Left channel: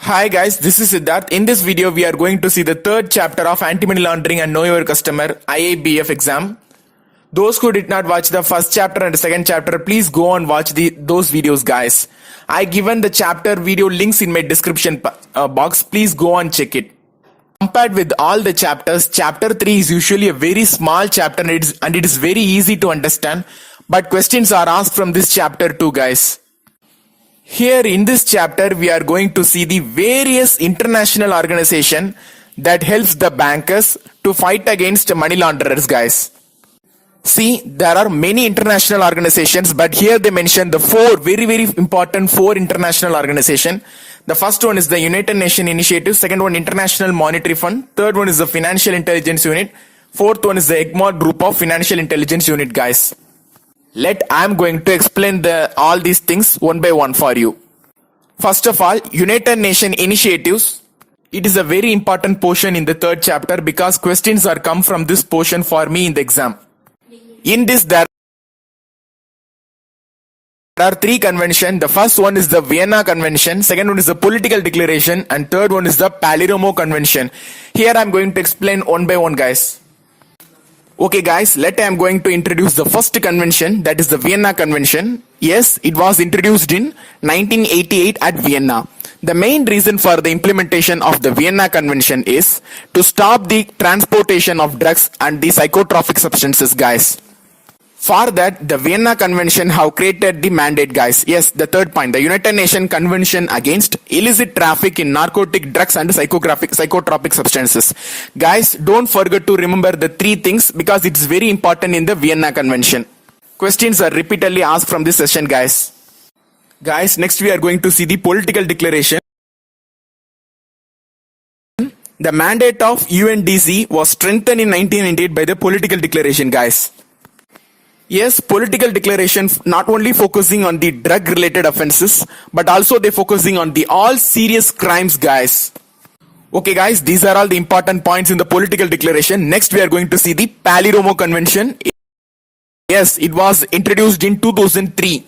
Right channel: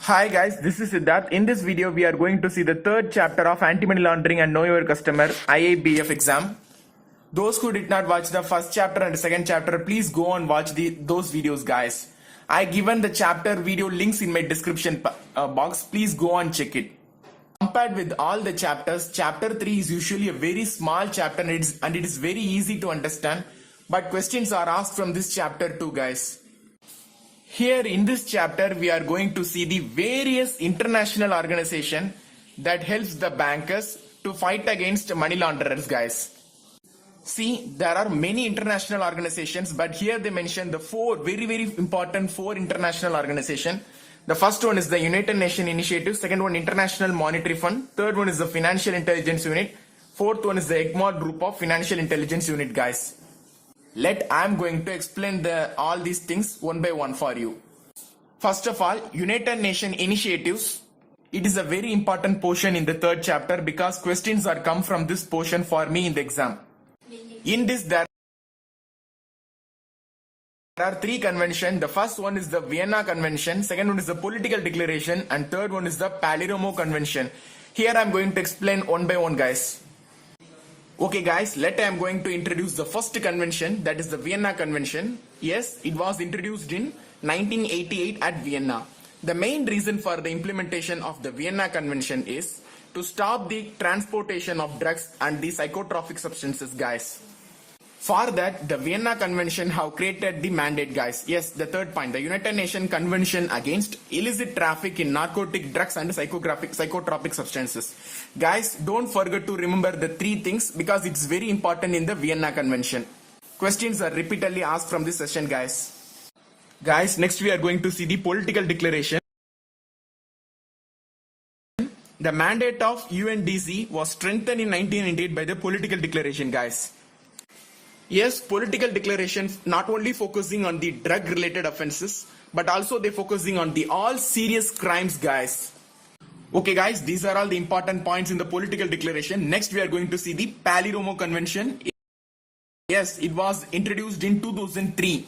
Hi guys, this is Siddharth. In this video, we are going to see the third chapter of Anti-Money Laundering and Know Your Customer IABF exam. Those who did not watch the first chapter and the second chapter, please go and watch those videos, guys. I given the chapter video links in my description box. Please go and check it. Compared with all the chapters, chapter 3 is usually a very small chapter and it is very easy to understand. But questions are asked from this chapter too, guys. Here in this chapter, we are going to see the various international organization that helps the bankers to fight against money launderers, guys. See, there are many international organizations, but here they mention the very important four international organizations. The first one is the United Nations Initiative, second one International Monetary Fund, third one is the Financial Intelligence Unit, fourth one is the Egmont Group of Financial Intelligence Unit, guys. I'm going to explain all these things one by one for you. First of all, United Nations Initiatives. It is a very important portion in the third chapter because questions are come from this portion for me in the exam. In this, there are three conventions. The first one is the Vienna Convention, second one is the Political Declaration, and third one is the Palermo Convention. Here I am going to explain one by one, guys. Okay guys, I am going to introduce the first convention, that is the Vienna Convention. Yes, it was introduced in 1988 at Vienna. The main reason for the implementation of the Vienna Convention is to stop the transportation of drugs and the psychotropic substances, guys. For that, the Vienna Convention have created the mandate, guys. Yes, the third point, the United Nations Convention against illicit traffic in narcotic drugs and psychotropic substances. Guys, don't forget to remember the three things because it's very important in the Vienna Convention. Questions are repeatedly asked from this session, guys. Guys, next we are going to see the Political Declaration. The mandate of UNDC was strengthened in 1998 by the Political Declaration, guys. Yes, Political Declaration not only focusing on the drug related offenses, but also they focusing on the all serious crimes, guys. Okay guys, these are all the important points in the Political Declaration. Next we are going to see the Palermo Convention. Yes, it was introduced in 2003.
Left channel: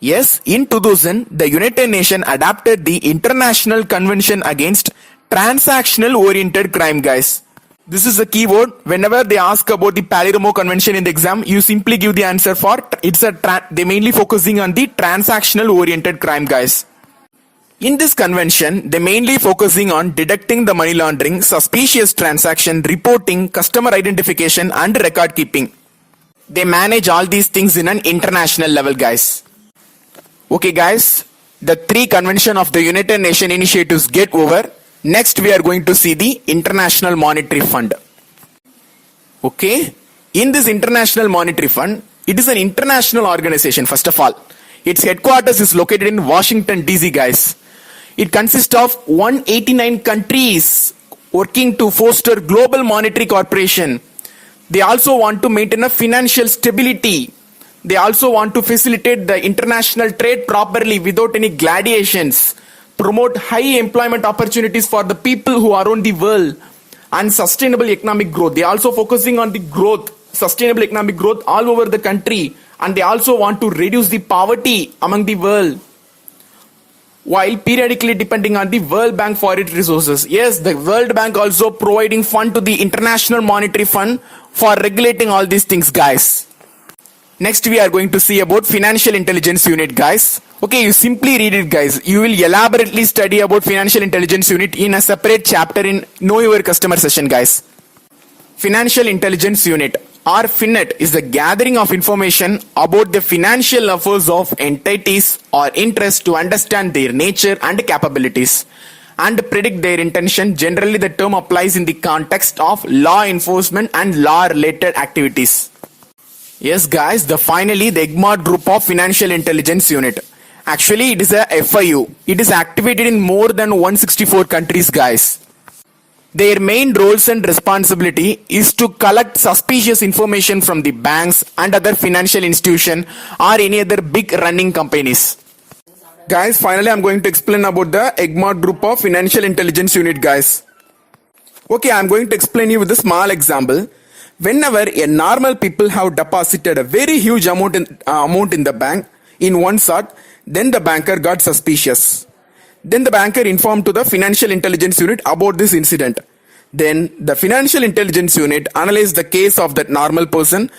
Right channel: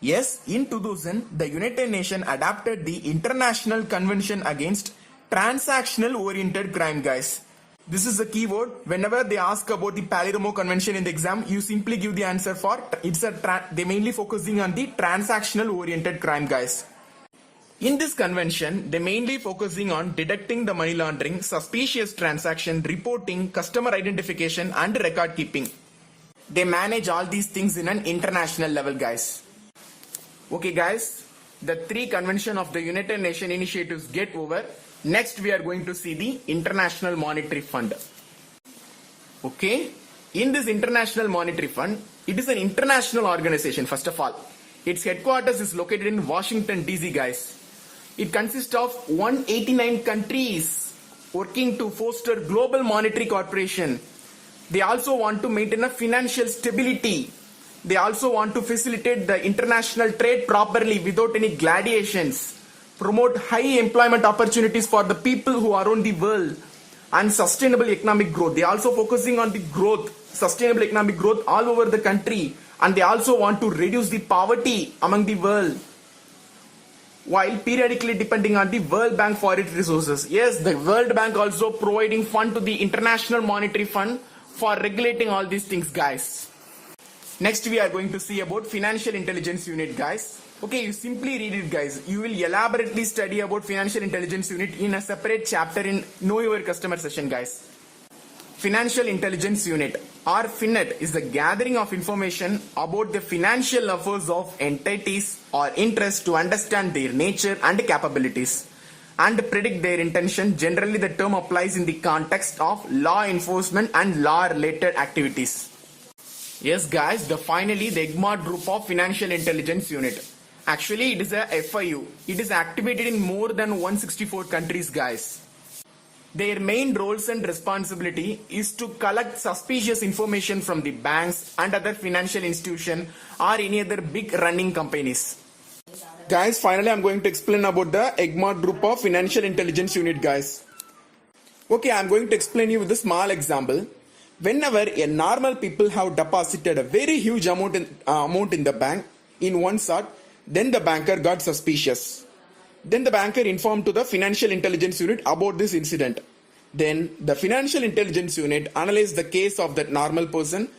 Yes, in 2000, the United Nations adopted the International Convention against Transactional Oriented Crime, guys. This is a keyword. Whenever they ask about the Palermo Convention in the exam, you simply give the answer for they mainly focusing on the transactional oriented crime, guys. In this convention, they mainly focusing on detecting the money laundering, suspicious transaction, reporting, customer identification, and record keeping. They manage all these things in an international level, guys. Okay, guys, the three convention of the United Nations initiatives get over. Next, we are going to see the International Monetary Fund. Okay, in this International Monetary Fund, it is an international organization, first of all. Its headquarters is located in Washington, D.C., guys. It consists of 189 countries working to foster global monetary cooperation. They also want to maintain a financial stability. They also want to facilitate the international trade properly without any gladiations, promote high employment opportunities for the people who are around the world, and sustainable economic growth. They are also focusing on the growth, sustainable economic growth all over the country, and they also want to reduce the poverty among the world, while periodically depending on the World Bank for its resources. Yes, the World Bank also providing fund to the International Monetary Fund for regulating all these things, guys. Next, we are going to see about Financial Intelligence Unit, guys. Okay, you simply read it, guys. You will elaborately study about Financial Intelligence Unit in a separate chapter in Know Your Customer session, guys. Financial Intelligence Unit, or FinNet, is the gathering of information about the financial affairs of entities or interests to understand their nature and capabilities and predict their intention. Generally, the term applies in the context of law enforcement and law-related activities. Yes, guys, finally, the Egmont Group of Financial Intelligence Unit. Actually, it is a FIU. It is activated in more than 164 countries, guys. Their main roles and responsibility is to collect suspicious information from the banks and other financial institutions or any other big running companies. Guys, finally, I'm going to explain about the Egmont Group of Financial Intelligence Unit, guys. Okay, I'm going to explain you with a small example. Whenever a normal people have deposited a very huge amount in the bank in one shot, then the banker got suspicious. Then the banker informed to the Financial Intelligence Unit about this incident. Then the Financial Intelligence Unit analyzed the case of that normal person.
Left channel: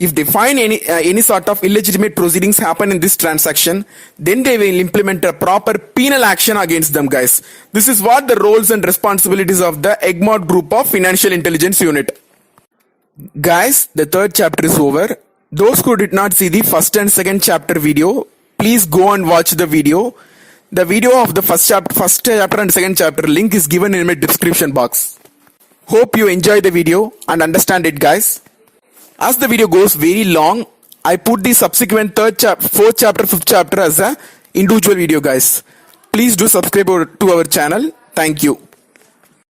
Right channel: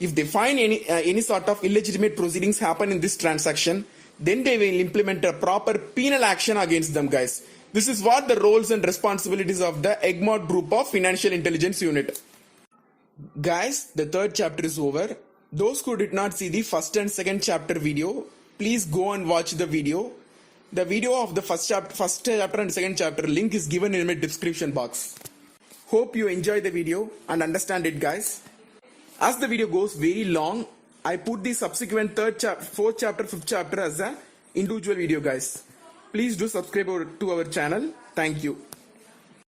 If they find any sort of illegitimate proceedings happen in this transaction, then they will implement a proper penal action against them, guys. This is what the roles and responsibilities of the Egmont Group of Financial Intelligence Unit. Guys, the third chapter is over. Those who did not see the first and second chapter video, please go and watch the video. The video of the first chapter and second chapter link is given in my description box. Hope you enjoy the video and understand it, guys. As the video goes very long, I put the subsequent fourth chapter, fifth chapter as a individual video, guys. Please do subscribe to our channel. Thank you.